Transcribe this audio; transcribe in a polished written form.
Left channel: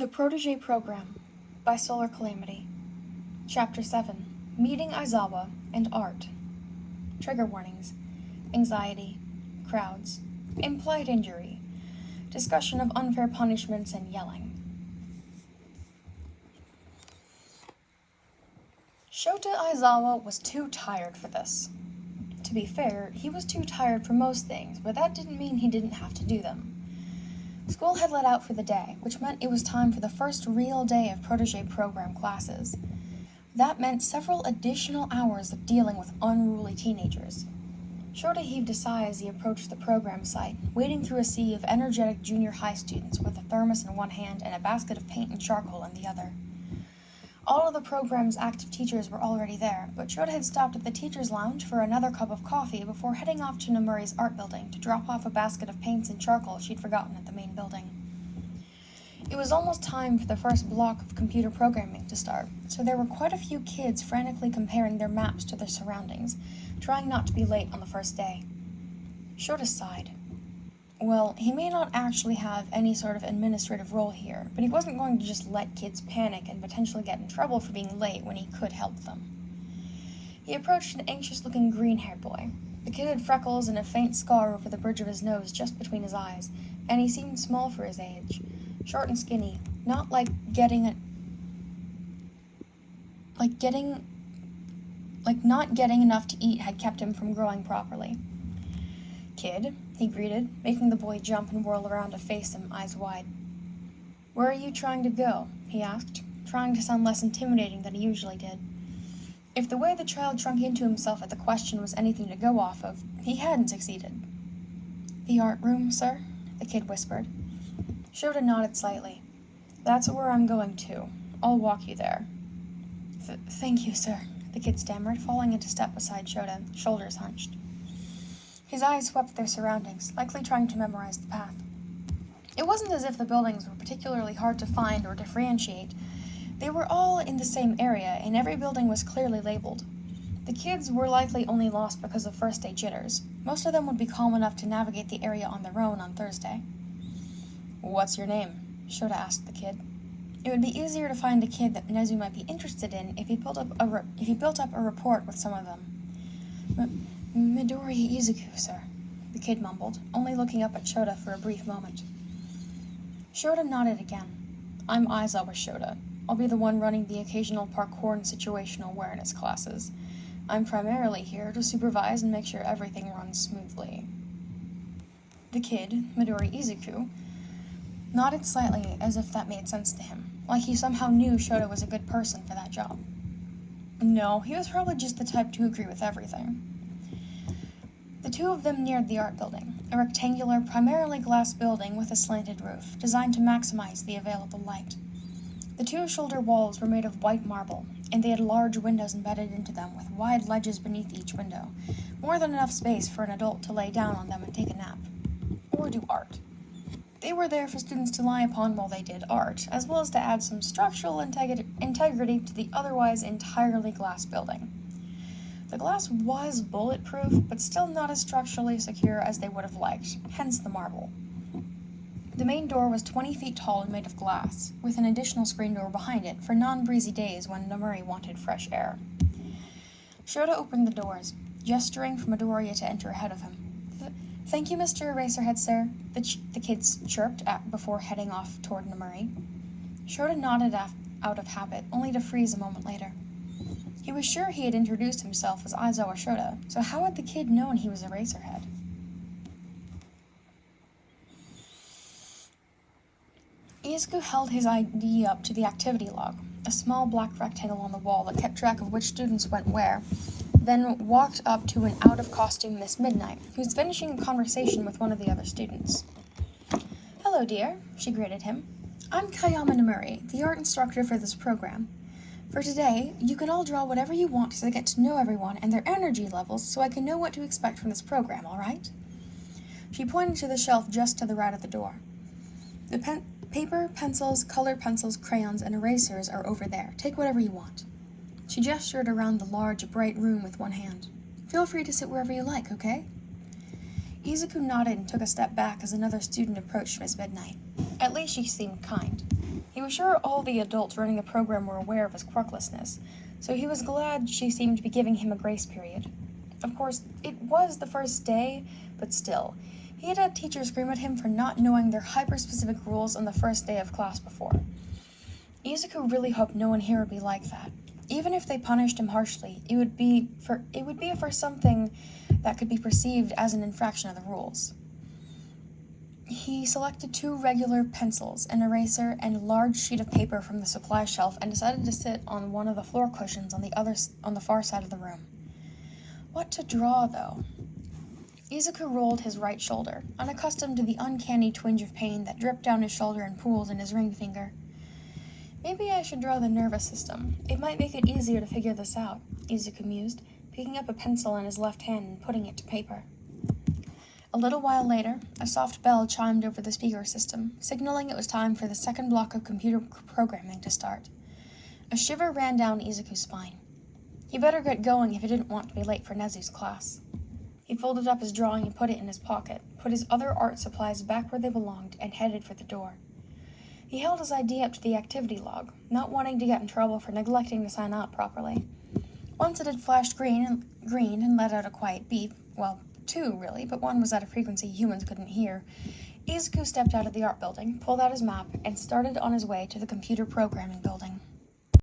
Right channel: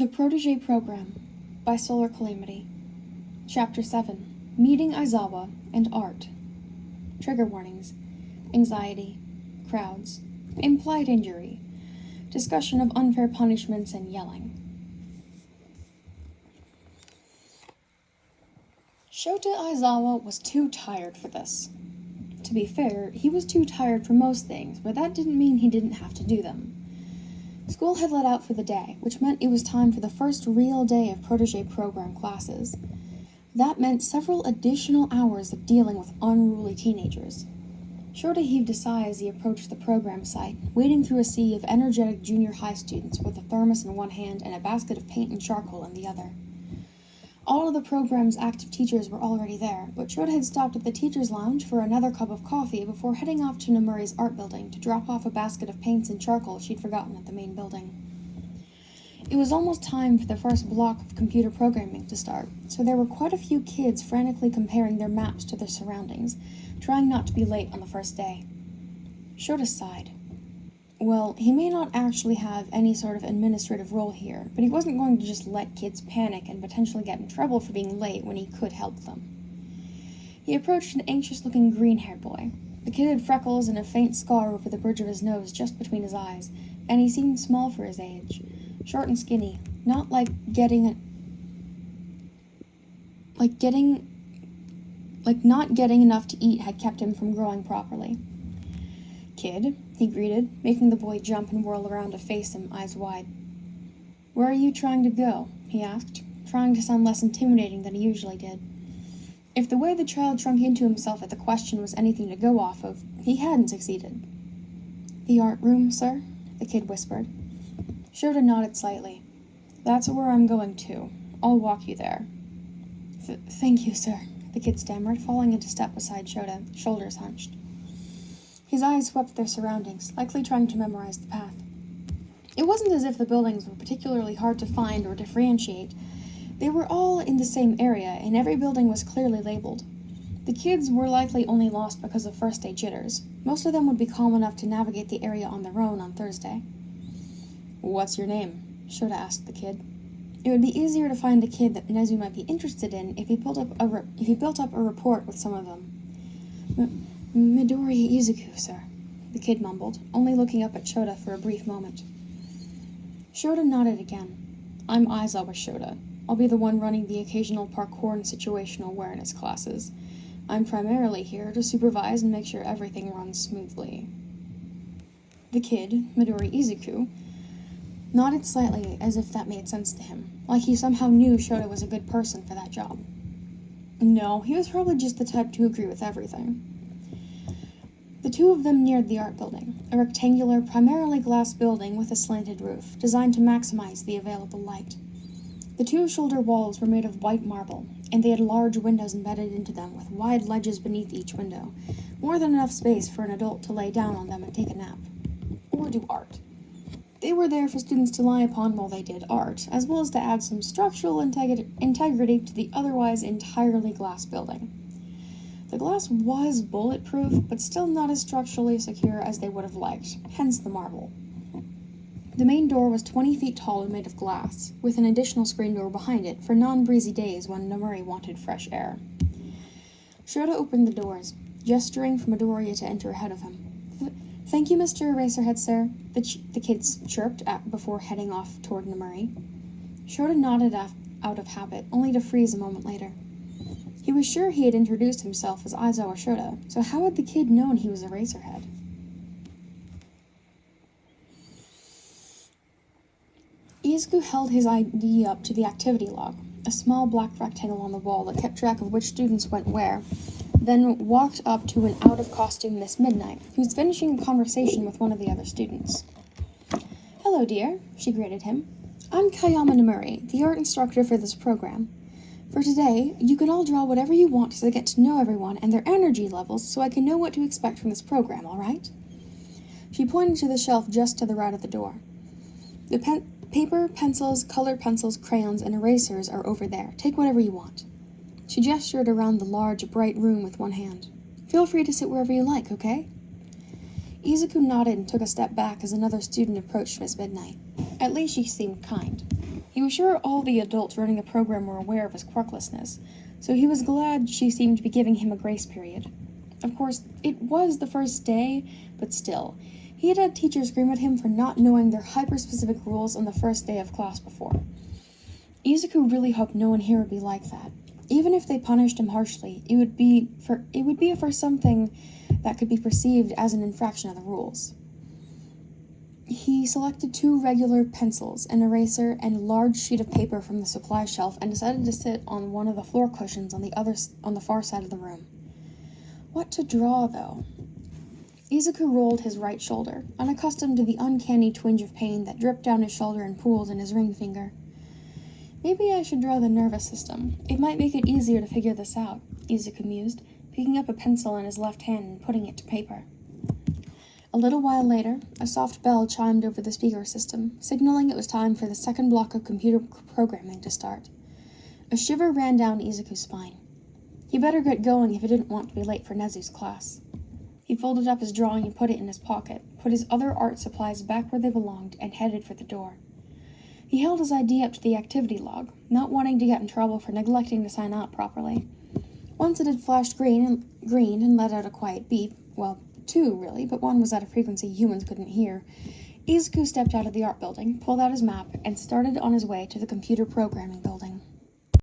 The Protege Program by SolarCalamity. Chapter 7. Meeting Aizawa and Art. Trigger warnings. Anxiety. Crowds. Implied injury. Discussion of unfair punishments and yelling. Shota Aizawa was too tired for this. To be fair, he was too tired for most things, but that didn't mean he didn't have to do them. School had let out for the day, which meant it was time for the first real day of Protege Program classes. That meant several additional hours of dealing with unruly teenagers. Shota heaved a sigh as he approached the program site, wading through a sea of energetic junior high students with a thermos in one hand and a basket of paint and charcoal in the other. All of the program's active teachers were already there, but Shota had stopped at the teacher's lounge for another cup of coffee before heading off to Namuri's art building to drop off a basket of paints and charcoal she'd forgotten at the main building. It was almost time for the first block of computer programming to start, so there were quite a few kids frantically comparing their maps to their surroundings, trying not to be late on the first day. Shota sighed. Well, he may not actually have any sort of administrative role here, but he wasn't going to just let kids panic and potentially get in trouble for being late when he could help them. He approached an anxious-looking green-haired boy. The kid had freckles and a faint scar over the bridge of his nose just between his eyes, and he seemed small for his age. Short and skinny, not like not getting enough to eat had kept him from growing properly. "Kid," he greeted, making the boy jump and whirl around to face him, eyes wide. "Where are you trying to go?" he asked, trying to sound less intimidating than he usually did. If the way the child shrunk into himself at the question was anything to go off of, he hadn't succeeded. "The art room, sir?" the kid whispered. Shota nodded slightly. "That's where I'm going to. I'll walk you there." Thank you, sir," the kid stammered, falling into step beside Shota, shoulders hunched. His eyes swept their surroundings, likely trying to memorize the path. It wasn't as if the buildings were particularly hard to find or differentiate. They were all in the same area, and every building was clearly labeled. The kids were likely only lost because of first-day jitters. Most of them would be calm enough to navigate the area on their own on Thursday. "What's your name?" Shota asked the kid. It would be easier to find a kid that Nezu might be interested in if he built up a rapport with some of them. "Midori Izuku, sir," the kid mumbled, only looking up at Shota for a brief moment. Shota nodded again. "I'm Aizawa Shota. I'll be the one running the occasional parkour and situational awareness classes. I'm primarily here to supervise and make sure everything runs smoothly." The kid, Midori Izuku, nodded slightly as if that made sense to him, like he somehow knew Shota was a good person for that job. No, he was probably just the type to agree with everything. The two of them neared the art building, a rectangular, primarily glass building with a slanted roof, designed to maximize the available light. The two shoulder walls were made of white marble, and they had large windows embedded into them with wide ledges beneath each window, more than enough space for an adult to lay down on them and take a nap. Or do art. They were there for students to lie upon while they did art, as well as to add some structural integrity to the otherwise entirely glass building. The glass was bulletproof, but still not as structurally secure as they would have liked, hence the marble. The main door was 20 feet tall and made of glass, with an additional screen door behind it for non-breezy days when Namuri wanted fresh air. Shota opened the doors, gesturing for Midoriya to enter ahead of him. "Thank you, Mr. Eraserhead, sir," the kids chirped before heading off toward Namuri. Shota nodded out of habit, only to freeze a moment later. He was sure he had introduced himself as Aizawa Shota, so how had the kid known he was Eraserhead? Izuku held his ID up to the activity log, a small black rectangle on the wall that kept track of which students went where, then walked up to an out-of-costume Miss Midnight, who was finishing a conversation with one of the other students. "Hello, dear," she greeted him. "I'm Kayama Namuri, the art instructor for this program. For today, you can all draw whatever you want to get to know everyone and their energy levels so I can know what to expect from this program, all right?" She pointed to the shelf just to the right of the door. "The paper, pencils, colored pencils, crayons, and erasers are over there. Take whatever you want." She gestured around the large, bright room with one hand. "Feel free to sit wherever you like, okay?" Izuku nodded and took a step back as another student approached Miss Midnight. At least she seemed kind. He was sure all the adults running the program were aware of his quirklessness, so he was glad she seemed to be giving him a grace period. Of course, it was the first day, but still, he had had teachers scream at him for not knowing their hyper-specific rules on the first day of class before. Izuku really hoped no one here would be like that. Even if they punished him harshly, it would be for something that could be perceived as an infraction of the rules. He selected 2 regular pencils, an eraser, and a large sheet of paper from the supply shelf and decided to sit on one of the floor cushions on the far side of the room. What to draw, though? Izuku rolled his right shoulder, unaccustomed to the uncanny twinge of pain that dripped down his shoulder and pooled in his ring finger. Maybe I should draw the nervous system. It might make it easier to figure this out, Izuku mused, picking up a pencil in his left hand and putting it to paper. A little while later, a soft bell chimed over the speaker system, signaling it was time for the second block of computer programming to start. A shiver ran down Izuku's spine. He better get going if he didn't want to be late for Nezu's class. He folded up his drawing and put it in his pocket, put his other art supplies back where they belonged, and headed for the door. He held his ID up to the activity log, not wanting to get in trouble for neglecting to sign out properly. Once it had flashed green and let out a quiet beep, well, 2 really, but one was at a frequency humans couldn't hear, Izuku stepped out of the art building, pulled out his map, and started on his way to the computer programming building.